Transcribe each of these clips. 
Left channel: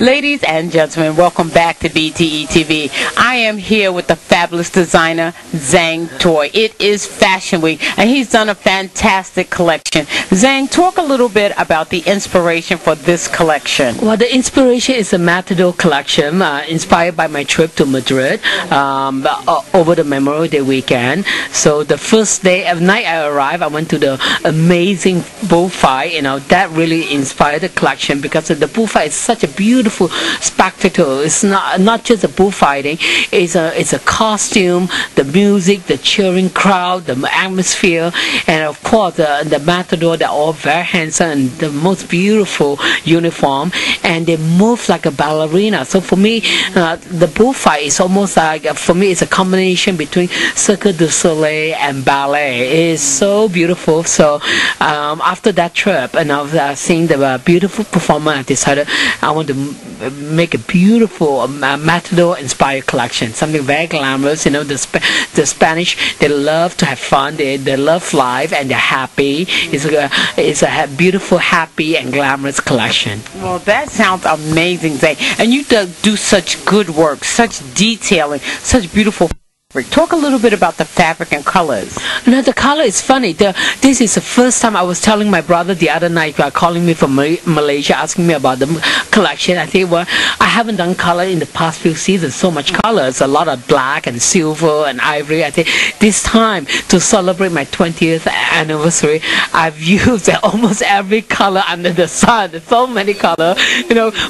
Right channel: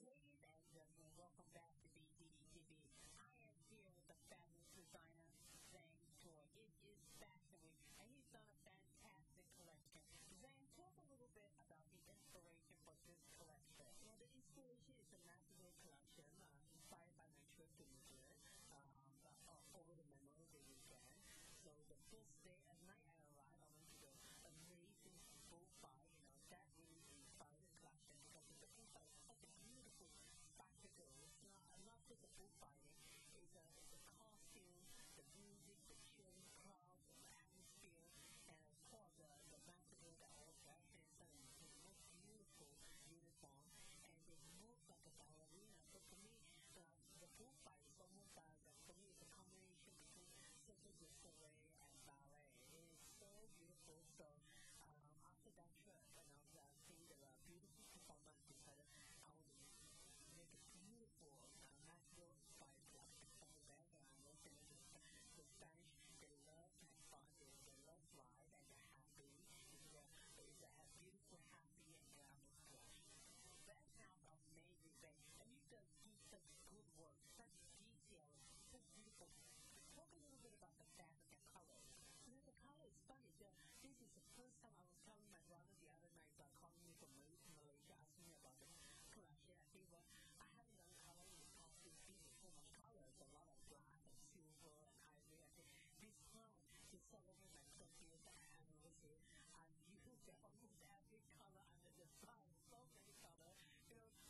Ladies and gentlemen, welcome back to BTETV. I am here with the fabulous designer, Zang Toi. It is Fashion Week, and he's done a fantastic collection. Zang, talk a little bit about the inspiration for this collection. Well, the inspiration is a Matador collection, inspired by my trip to Madrid over the Memorial Day weekend. So the first day of night I arrived, I went to the amazing bullfight. That really inspired the collection, because the bullfight is such a beautiful spectacle. It's not just a bullfighting. It's a costume, the music, the cheering crowd, the atmosphere, and of course the Matador. They're all very handsome and the most beautiful uniform, and they move like a ballerina. So for me, the bullfight is almost like, for me, it's a combination between Cirque du Soleil and ballet. It is so beautiful. So after that trip, and I've seen the beautiful performance, I decided I want to make a beautiful Matador-inspired collection, something very glamorous. The Spanish, they love to have fun, they love life, and they're happy. It's a beautiful, happy, and glamorous collection. Well, that sounds amazing, Zay. And you do such good work, such detailing, such beautiful fabric. Talk a little bit about the fabric and colors. The color is funny. This is the first time. I was telling my brother the other night, calling me from Malaysia, asking me about the collection. I think, well, I haven't done color in the past few seasons. So much colors, a lot of black and silver and ivory. I think this time, to celebrate my 20th anniversary, I've used almost every color under the sun. There's so many colors,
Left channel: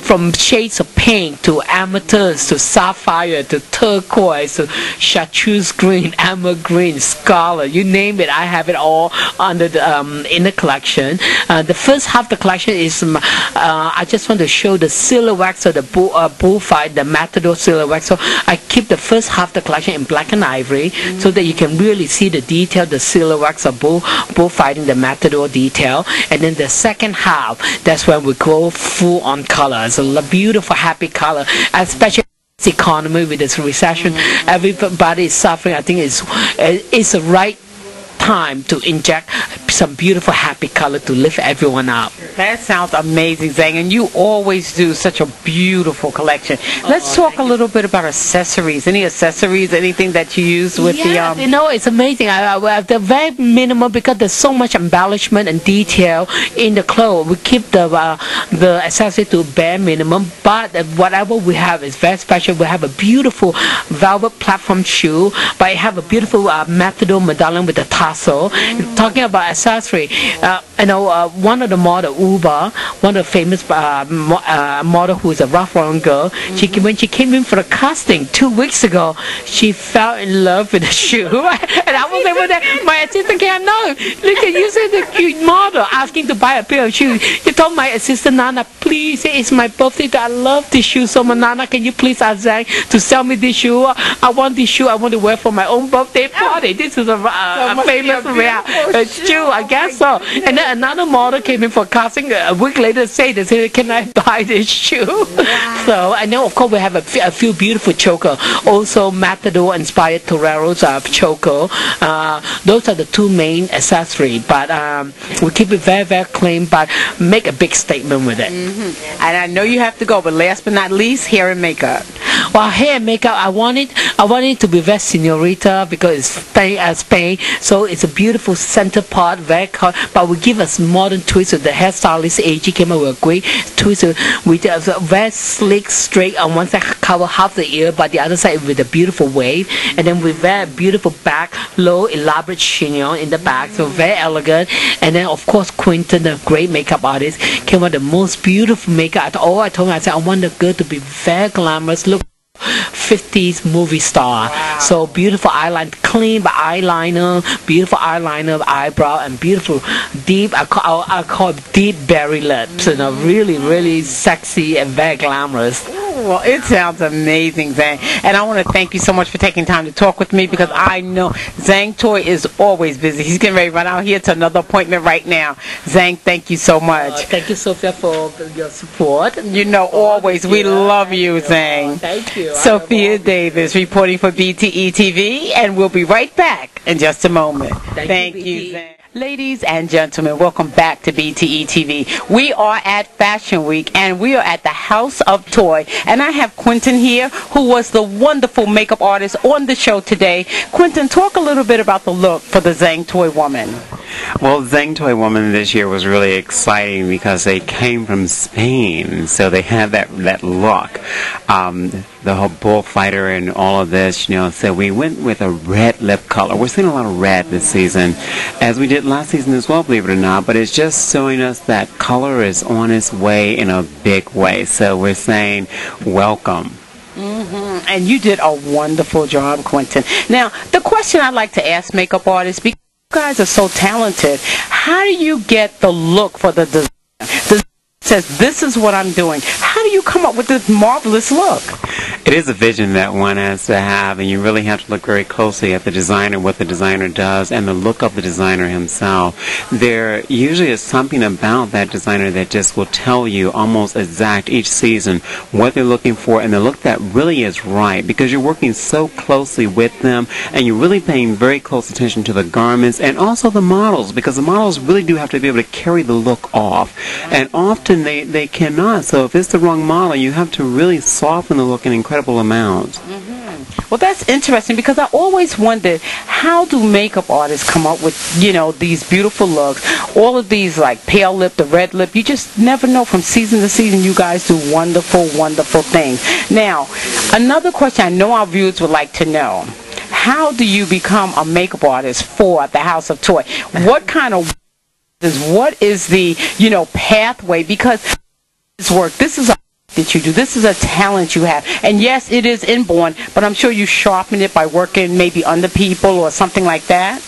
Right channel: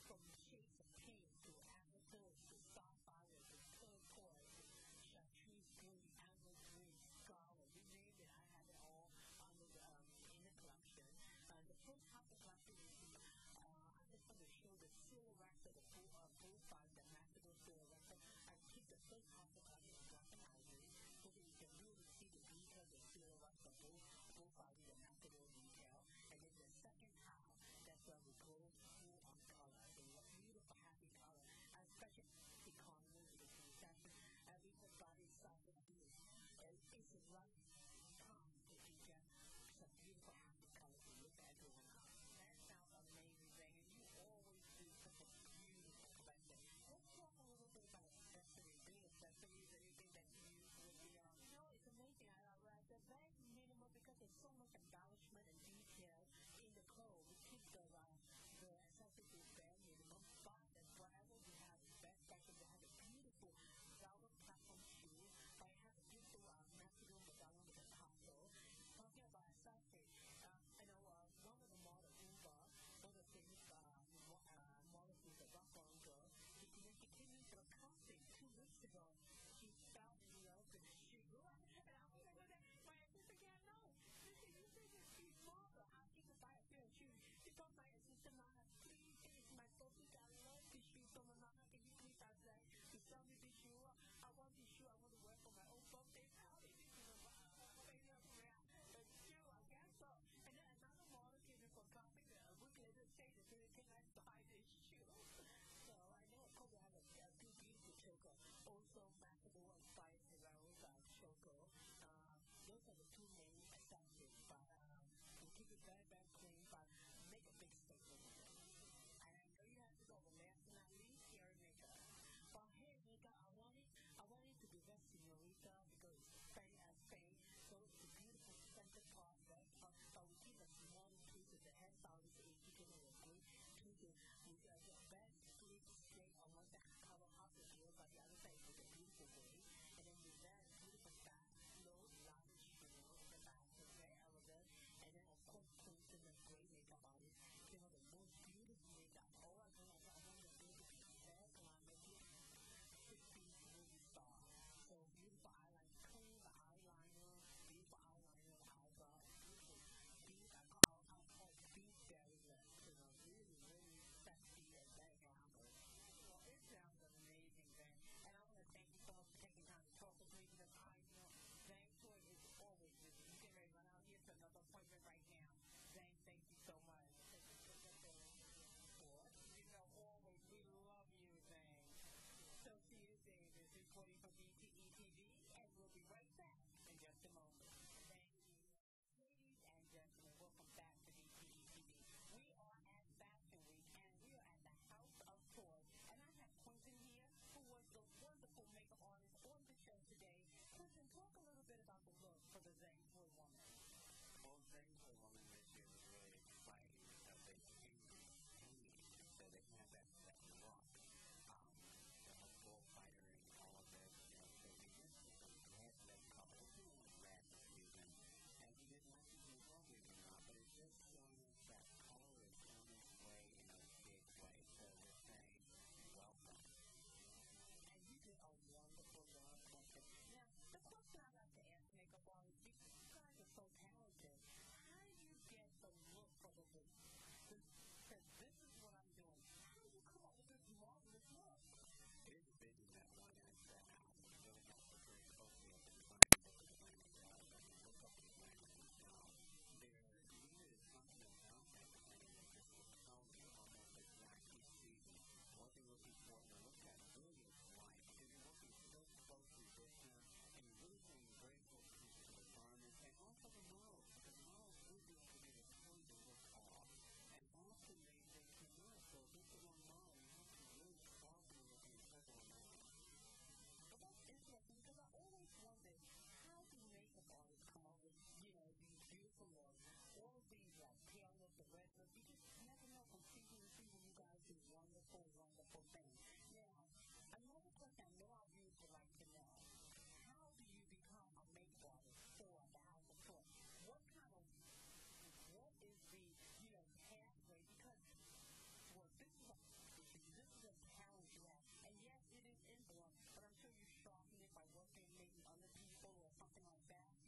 from shades of pink to amethyst to sapphire to turquoise to chartreuse green, amber green, scarlet, you name it. I have it all under the in the collection. The first half of the collection is I just want to show the silhouettes of the bullfight, the Matador silhouette. So I keep the first half of the collection in black and ivory, so that you can really see the detail, the silhouettes of bullfighting, the Matador detail. And then the second half, that's when we go full on color. It's a beautiful, happy color, especially economy with this recession. Everybody is suffering. I think it's the right time to inject some beautiful, happy color to lift everyone up. That sounds amazing, Zang, and you always do such a beautiful collection. Let's talk a little bit about accessories. Any accessories, anything that you use with the... it's amazing. They're very minimal, because there's so much embellishment and detail in the clothes. We keep the accessory to bare minimum, but whatever we have is very special. We have a beautiful velvet platform shoe, but I have a beautiful Matador medallion with a tassel. Talking about accessory, one of the model, Uba, one of the famous model who is a Ralph Lauren girl, when she came in for a casting 2 weeks ago, she fell in love with the shoe. And I was able to, my assistant came, no, look at you, said the cute model asking to buy a pair of shoes. You told my assistant, Nana, please, it's my birthday, I love this shoe so much. Nana, can you please ask Zang to sell me this shoe? I want this shoe, I want to wear for my own birthday party. This is a famous shoe, I guess so. And then another model came in for casting a week later, they said, can I buy this shoe? Wow. So I know, of course, we have a few beautiful choker, also Matador inspired Toreros choker. Those are the two main accessories, but we keep it very, very clean, but make a big statement with it. And I know you have to go, but last but not least, hair and makeup. Well, hair and makeup, I want it to be very senorita, because it's Spain, so it's a beautiful center part, very cold, but we give us modern twist with the hairstylist AG came up with a great twist with a very slick, straight on one side, cover half the ear, but the other side with a beautiful wave, and then with very beautiful back, low, elaborate chignon in the back, so very elegant. And then of course Quinntin, the great makeup artist, came up with the most beautiful makeup. I told her, I said, I want the girl to be very glamorous, look 50s movie star. Wow. So beautiful eyeliner, clean eyeliner, beautiful eyeliner, eyebrow, and beautiful deep, I call it deep berry lips. Really, really sexy and very glamorous. Well, it sounds amazing, Zang. And I want to thank you so much for taking time to talk with me, because I know Zang Toi is always busy. He's getting ready to run out here to another appointment right now. Zang, thank you so much. Thank you, Sophia, for your support. Always. We love you, Zang. Thank you. Sophia Davis reporting for BTETV, and we'll be right back in just a moment. Thank you, Zang. Ladies and gentlemen, welcome back to BTETV. We are at Fashion Week, and we are at the House of Toi. And I have Quinntin here, who was the wonderful makeup artist on the show today. Quinntin, talk a little bit about the look for the Zang Toi woman. Well, Zang Toi woman this year was really exciting because they came from Spain, so they had that look. The whole bullfighter and all of this, so we went with a red lip color. We're seeing a lot of red this season, as we did last season as well, believe it or not, but it's just showing us that color is on its way in a big way. So we're saying welcome. And you did a wonderful job, Quinntin. Now, the question I'd like to ask makeup artists, because you guys are so talented, how do you get the look for the designer? The designer says, this is what I'm doing. How do you come up with this marvelous look? It is a vision that one has to have, and you really have to look very closely at the designer, what the designer does, and the look of the designer himself. There usually is something about that designer that just will tell you almost exact each season what they're looking for and the look that really is right, because you're working so closely with them and you're really paying very close attention to the garments and also the models, because the models really do have to be able to carry the look off, and often they cannot. So if it's the wrong model, you have to really soften the look in incredible amounts. Well, that's interesting, because I always wondered, how do makeup artists come up with, these beautiful looks? All of these, like pale lip, the red lip, you just never know. From season to season, you guys do wonderful, wonderful things. Now, another question I know our viewers would like to know: how do you become a makeup artist for the House of Toi? What kind of what is the, pathway? Because this work, this is a that you do. This is a talent you have. And yes, it is inborn, but I'm sure you sharpen it by working maybe under people or something like that.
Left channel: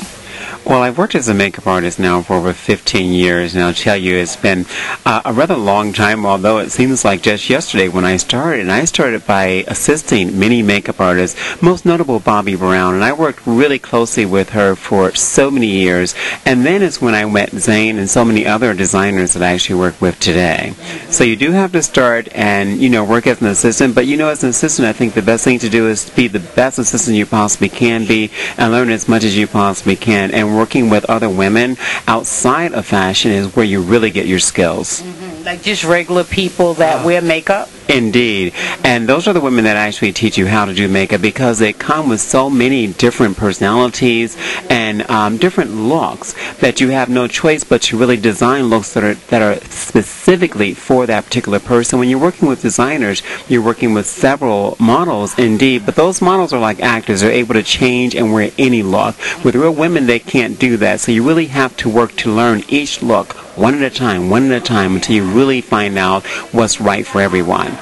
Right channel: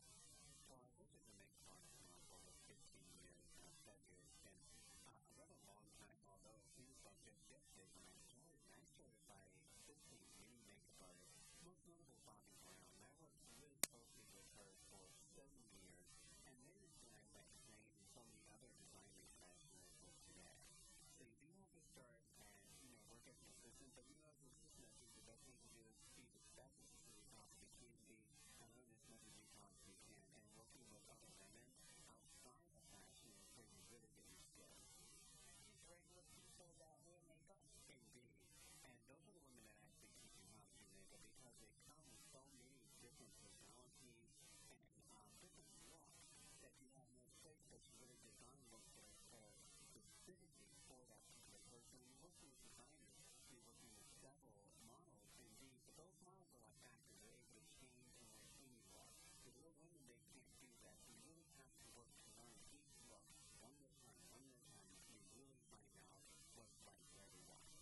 Well, I've worked as a makeup artist now for over 15 years, and I'll tell you, it's been a rather long time, although it seems like just yesterday when I started. And I started by assisting many makeup artists, most notable Bobbi Brown, and I worked really closely with her for so many years. And then it's when I met Zane and so many other designers that I actually work with today. So you do have to start and, work as an assistant, but as an assistant, I think the best thing to do is be the best assistant you possibly can be and learn as much as you possibly can. And working with other women outside of fashion is where you really get your skills. Like just regular people that wear makeup? Indeed. And those are the women that actually teach you how to do makeup, because they come with so many different personalities and different looks that you have no choice but to really design looks that are specifically for that particular person. When you're working with designers, you're working with several models, indeed, but those models are like actors. They're able to change and wear any look. With real women, they can't do that. So you really have to work to learn each look one at a time, until you really find out what's right for everyone.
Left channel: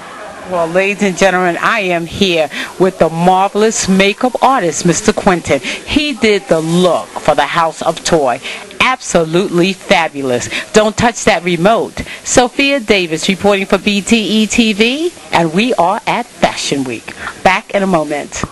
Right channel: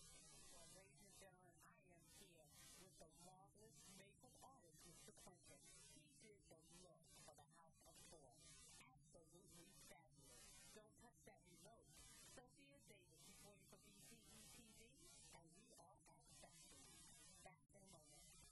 Well, ladies and gentlemen, I am here with the marvelous makeup artist, Mr. Quinntin. He did the look for the House of Toi. Absolutely fabulous. Don't touch that remote. Sophia Davis reporting for BTETV, and we are at Fashion Week. Back in a moment.